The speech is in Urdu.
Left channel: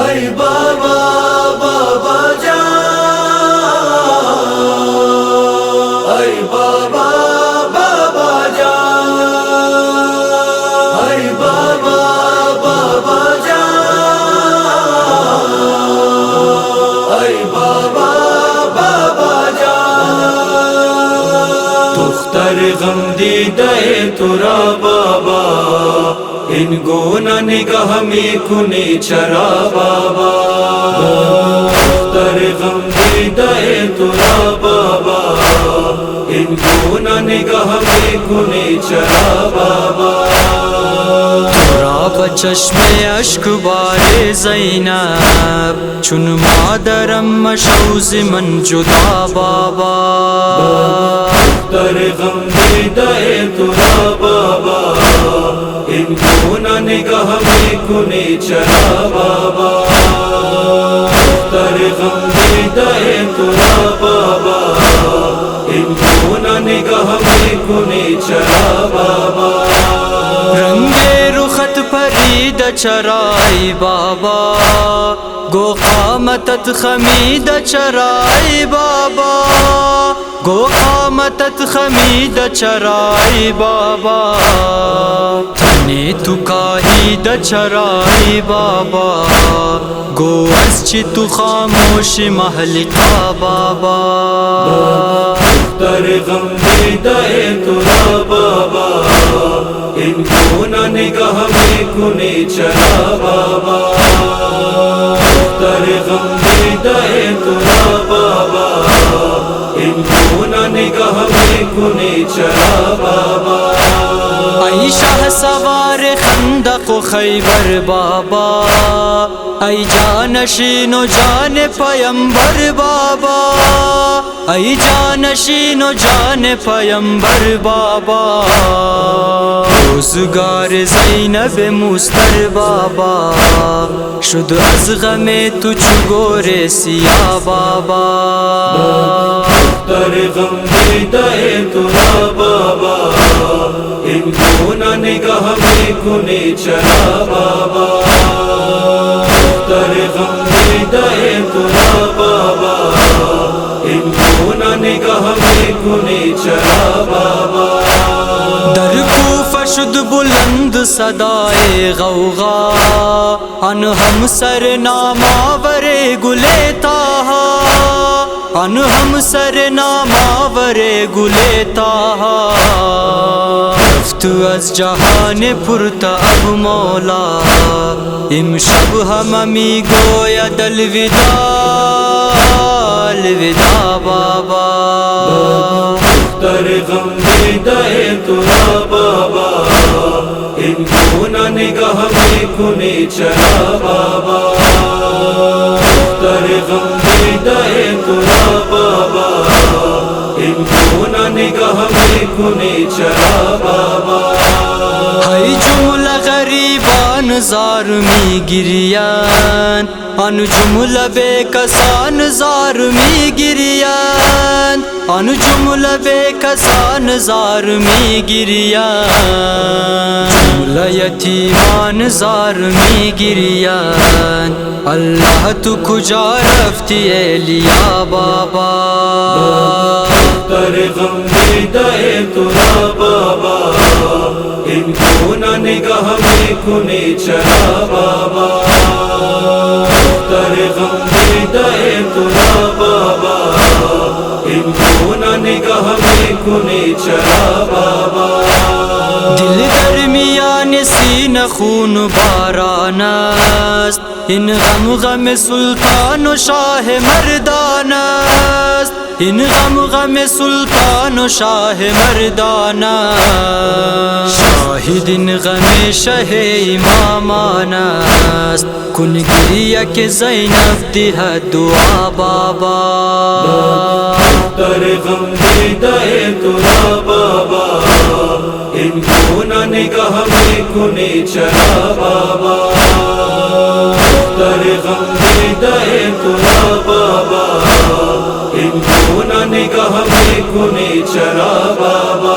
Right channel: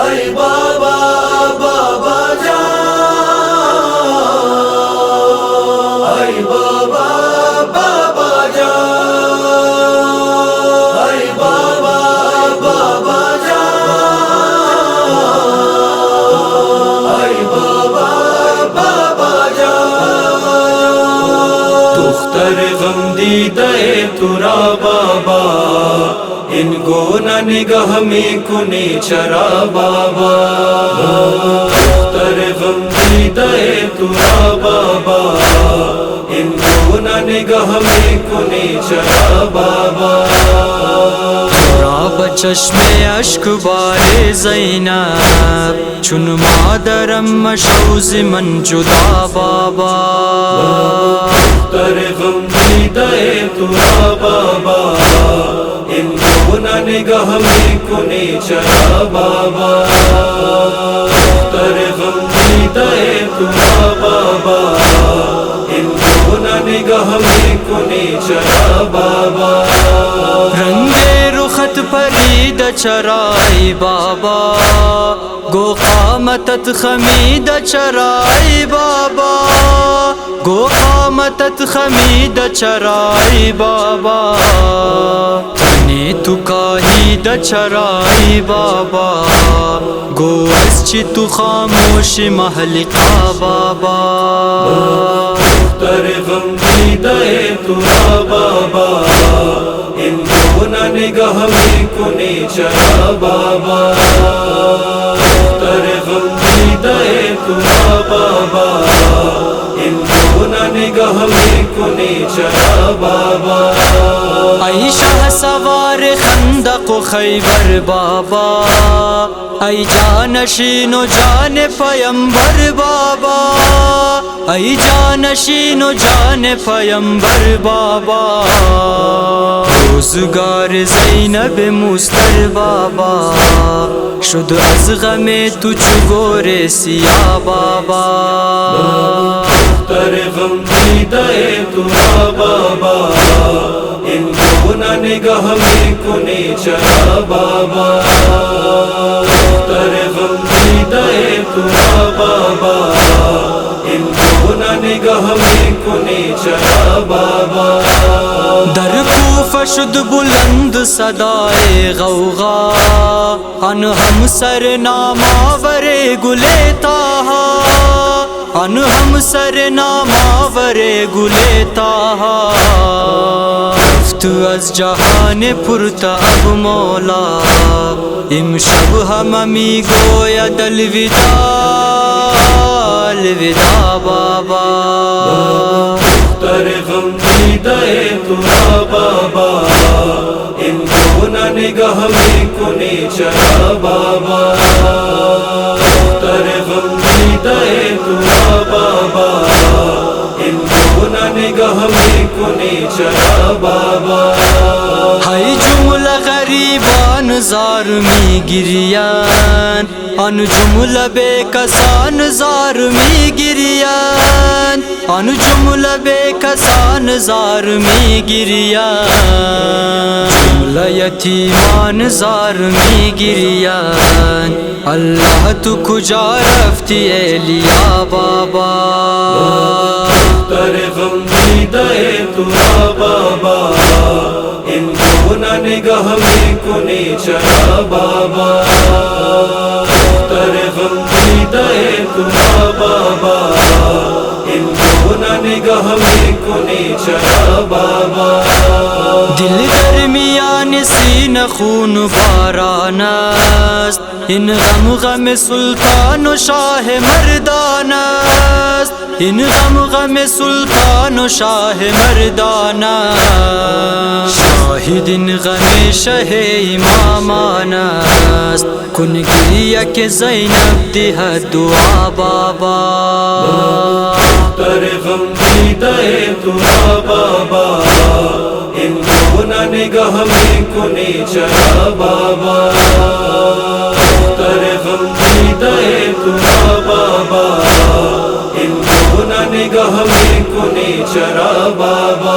اے بابا بابا جان، اے بابا بابا جان، اے بابا بابا جان، اے بابا بابا جان، دختر غم دیدہ ترا بابا، ان گونا نگاہ میں کنی چرا بابا، دختر غم دیدہ ترا بابا، ان گونا نگاہ میں کنی چرا بابا، ترا بچشم اشک بار زینب، چون مادرم مشوز من جدا بابا، دختر غم دیدہ ترا بابا، ان گونا نگاہ میں کنی چرا بابا، دختر غم دیدہ ترا بابا، ان گونا نگاہ میں کنی چرا بابا، رنگ رخت پرید چرائی بابا، گو قامتت خمید چرائی بابا، گو قامتت خمید چرائی بابا، تنی تو کاہید چرائی بابا، گو از چی تو خاموش محلقا بابا، دختر غم دیدہ ترا بابا، ان گونا نگاہ میں کنی چرا بابا، دختر غم دیدہ ترا بابا، ان گونا نگاہ میں کنی چرا بابا، ای شاہ سوار خندق و خیبر بابا، ای جانشین و جان پیمبر بابا، ای جانشین و جان پیمبر بابا، روزگار زینب مستر بابا، شد از غم تو چو گور سیاه بابا، دختر غم دیدہ ترا بابا، ان گونا نگاہ میں کنی چرا بابا، دختر غم دیدہ ترا بابا، ان گونا نگاہ میں کنی چرا بابا، در کوفہ شد بلند صدائے غوغا، ان ہم سر ناماور گلے تاہا، ان ہم سر ناماور گلے تاہا، رفت از جہان پرتا اب مولا، امشب ہممی گوید الوداع الوداع بابا، دختر غم دیدہ ترا بابا، ان گونا نگاہ میں کنی چرا بابا، دختر غم دیدہ ترا بابا، ان گونا نگاہ میں کنی چرا بابا، ہائی جملہ غریبان زار می گریان، ان جملہ بے کسان زار می گریان، ان جملہ بے کسان زار می گریان، جملہ یتیمان زار می گریان، اللہ تو کجا رفتی اے لیا بابا، دختر غم دیدہ ترا بابا، ان گونا نگاہ میں کنی چرا بابا، دختر غم دیدہ ترا بابا، ان گونا نگاہ میں کنی چرا بابا، دل درمیان سینہ خون باران است، ان غم غم سلطان و شاہ مردان است، ان غم غم سلطان و شاہ مردان است، شاہد ان غم شہ امامان است، کن گریہ کہ زینب دہد دعا بابا، دختر غم دیدہ ترا بابا، ان گونا نگاہ میں کنی چرا بابا، دختر غم دیدہ ترا بابا، ان گونا نگاہ میں کنی چرا بابا،